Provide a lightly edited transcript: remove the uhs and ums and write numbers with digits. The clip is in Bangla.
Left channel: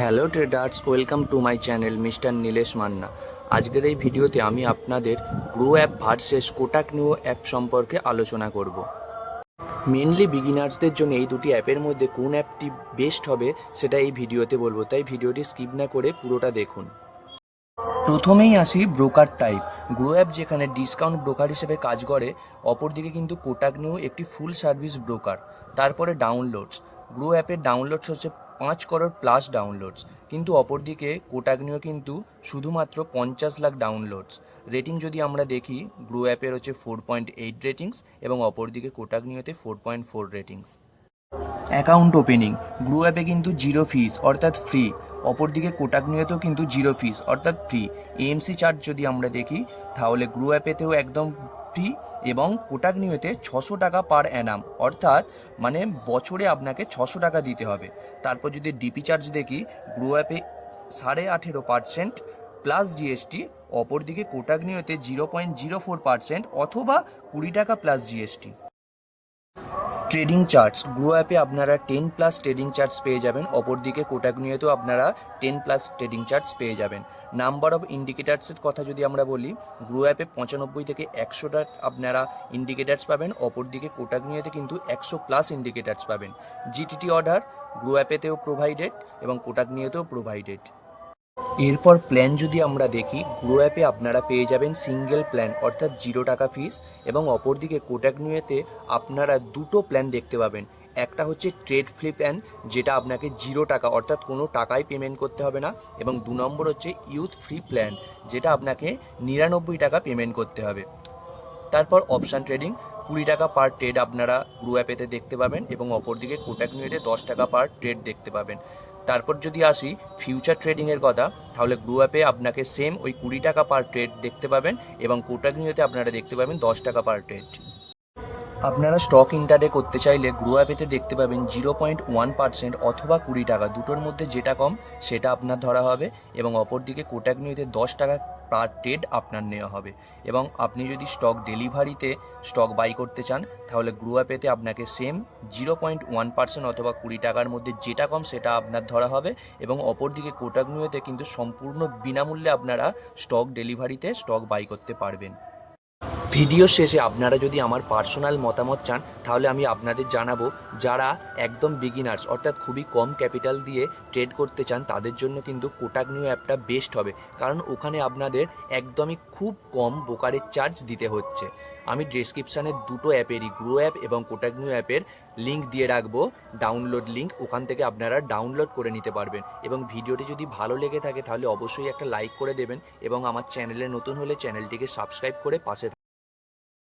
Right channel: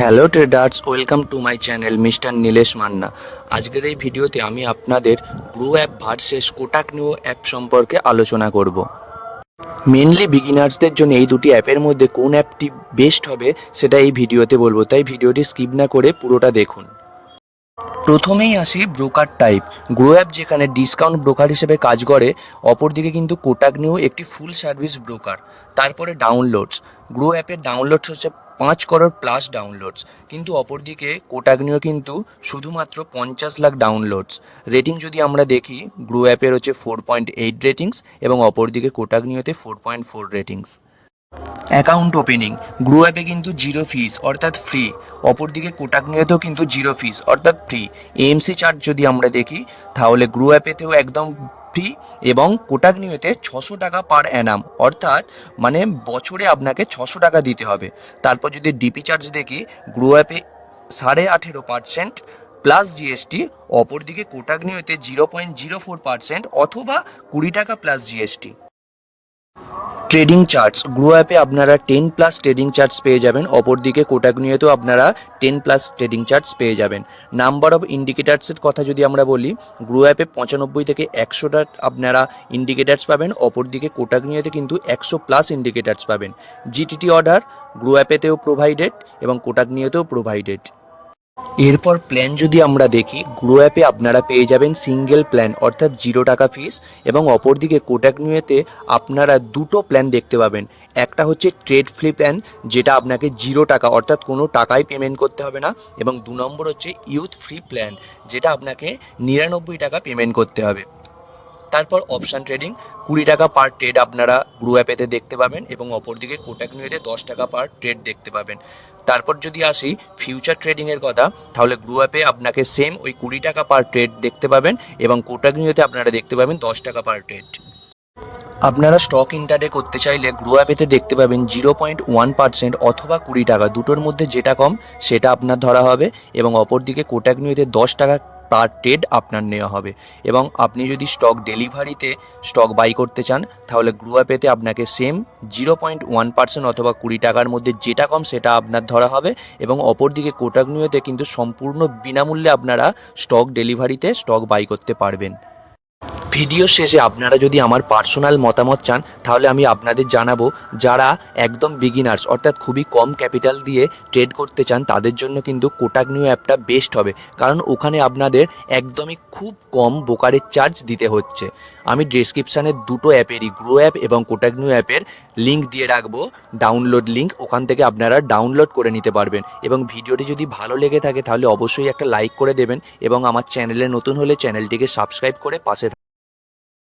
Hello traders, welcome to my channel mister Nilesh Manna. আজকের এই ভিডিওতে আমি আপনাদের grow app versus Kotak new app সম্পর্কে আলোচনা করব। মেনলি বিগিনার্সদের জন্য এই দুটি অ্যাপের মধ্যে কোন অ্যাপটি বেস্ট হবে সেটা এই ভিডিওতে বলবো, তাই ভিডিওটি স্কিপ না করে পুরোটা দেখুন। প্রথমেই আসি ব্রোকার টাইপ। গ্রো অ্যাপ যেখানে ডিসকাউন্ট ব্রোকার হিসেবে কাজ করে, অপরদিকে কিন্তু কোটাক নিউ একটি ফুল সার্ভিস ব্রোকার। তারপরে ডাউনলোডস, গ্রো অ্যাপের ডাউনলোডস হচ্ছে 5 করোড় প্লাস ডাউনলোডস, কিন্তু অপরদিকে কোটাক নিউ কিন্তু শুধুমাত্র 50 লাখ ডাউনলোডস। রেটিং যদি আমরা দেখি, গ্রো অ্যাপের হচ্ছে 4.8 রেটিংস এবং অপরদিকে কোটাক নিউতে 4.4 রেটিংস। অ্যাকাউন্ট ওপেনিং, গ্রো অ্যাপে কিন্তু জিরো ফিস অর্থাৎ ফ্রি, অপরদিকে কোটাক নিউতেও কিন্তু জিরো ফিস অর্থাৎ ফ্রি। এএমসি চার্জ যদি আমরা দেখি, তাহলে গ্রো অ্যাপেতেও একদম ফ্রি এবং কোটাক নিউতে 600 টাকা পার অ্যানাম, অর্থাৎ মানে বছরে আপনাকে 600 টাকা দিতে হবে। তারপর যদি ডিপি চার্জ দেখি, গ্রো অ্যাপে 18.5% প্লাস জিএসটি, অপরদিকে কোটাক নিউতে 0.04% অথবা 20 টাকা plus GST. Trading charts, grow অ্যাপে আপনারা 10+ ট্রেডিং চার্টস পেয়ে যাবেন, অপরদিকে কোটাক নিউতেও আপনারা 10+ ট্রেডিং চার্টস পেয়ে যাবেন। নাম্বার অফ ইন্ডিকেটার্সের কথা যদি আমরা বলি, গ্রো অ্যাপে 95 থেকে 100টা আপনারা ইন্ডিকেটার্স পাবেন, অপরদিকে কোটাক নিউতে কিন্তু 100+ ইন্ডিকেটার্স পাবেন। জিটিটি অর্ডার গ্রো অ্যাপেতেও প্রোভাইডেড এবং কোটাক নিউতেও প্রোভাইডেড। এরপর প্ল্যান যদি আমরা দেখি, গ্রো অ্যাপে আপনারা পেয়ে যাবেন সিঙ্গেল প্ল্যান অর্থাৎ 0 টাকা ফিস, এবং অপরদিকে কোটাক নিউতে আপনারা দুটো প্ল্যান দেখতে পাবেন। একটা হচ্ছে ট্রেড ফ্রি প্ল্যান, যেটা আপনাকে 0 টাকা অর্থাৎ কোনো টাকাই পেমেন্ট করতে হবে না, এবং 2 নম্বর হচ্ছে ইউথ ফ্রি প্ল্যান, যেটা আপনাকে 99 টাকা পেমেন্ট করতে হবে। তারপর অপশান ট্রেডিং, 20 টাকা পার ট্রেড আপনারা গ্রো অ্যাপেতে দেখতে পাবেন এবং অপরদিকে কোটাক নিউতে 10 টাকা পার ট্রেড দেখতে পাবেন। তারপর যদি আসি ফিউচার ট্রেডিংয়ের কথা, তাহলে গ্রো অ্যাপে আপনাকে সেম ওই 20 টাকা পার ট্রেড দেখতে পাবেন এবং কোটাক নিউতে আপনারা দেখতে পাবেন 10 টাকা পার ট্রেড। আপনারা স্টক ইন্টারডে করতে চাইলে গ্রো অ্যাপেতে দেখতে পাবেন 0.1% অথবা 20 টাকা, দুটোর মধ্যে যেটা কম সেটা আপনার ধরা হবে, এবং অপরদিকে কোটাক নিউতে 10 টাকা পার ট্রেড আপনার নেওয়া হবে। এবং আপনি যদি স্টক ডেলিভারিতে স্টক বাই করতে চান, তাহলে গ্রো অ্যাপেতে আপনাকে সেম 0.1% অথবা 20 টাকার মধ্যে যেটা কম সেটা আপনার ধরা হবে, এবং অপরদিকে কোটাক নিউতে কিন্তু সম্পূর্ণ বিনামূল্যে আপনারা স্টক ডেলিভারিতে স্টক বাই করতে পারবেন। ভিডিও শেষে আপনারা যদি আমার পার্সোনাল মতামত চান, তাহলে আমি আপনাদের জানাবো, যারা একদম বিগিনার্স অর্থাৎ খুবই কম ক্যাপিটাল দিয়ে ট্রেড করতে চান, তাদের জন্য কিন্তু কোটাক নিউ অ্যাপটা বেস্ট হবে, কারণ ওখানে আপনাদের একদমই খুব কম ব্রোকারেজ চার্জ দিতে হচ্ছে। আমি ডেসক্রিপশানে দুটো অ্যাপেরই, গ্রো অ্যাপ এবং কোটাক নিউ অ্যাপের লিঙ্ক দিয়ে রাখবো, ডাউনলোড লিঙ্ক, ওখান থেকে আপনারা ডাউনলোড করে নিতে পারবেন। এবং ভিডিওটি যদি ভালো লেগে থাকে তাহলে অবশ্যই একটা লাইক করে দেবেন, এবং আমার চ্যানেলে নতুন হলে চ্যানেলটিকে সাবস্ক্রাইব করে পাশে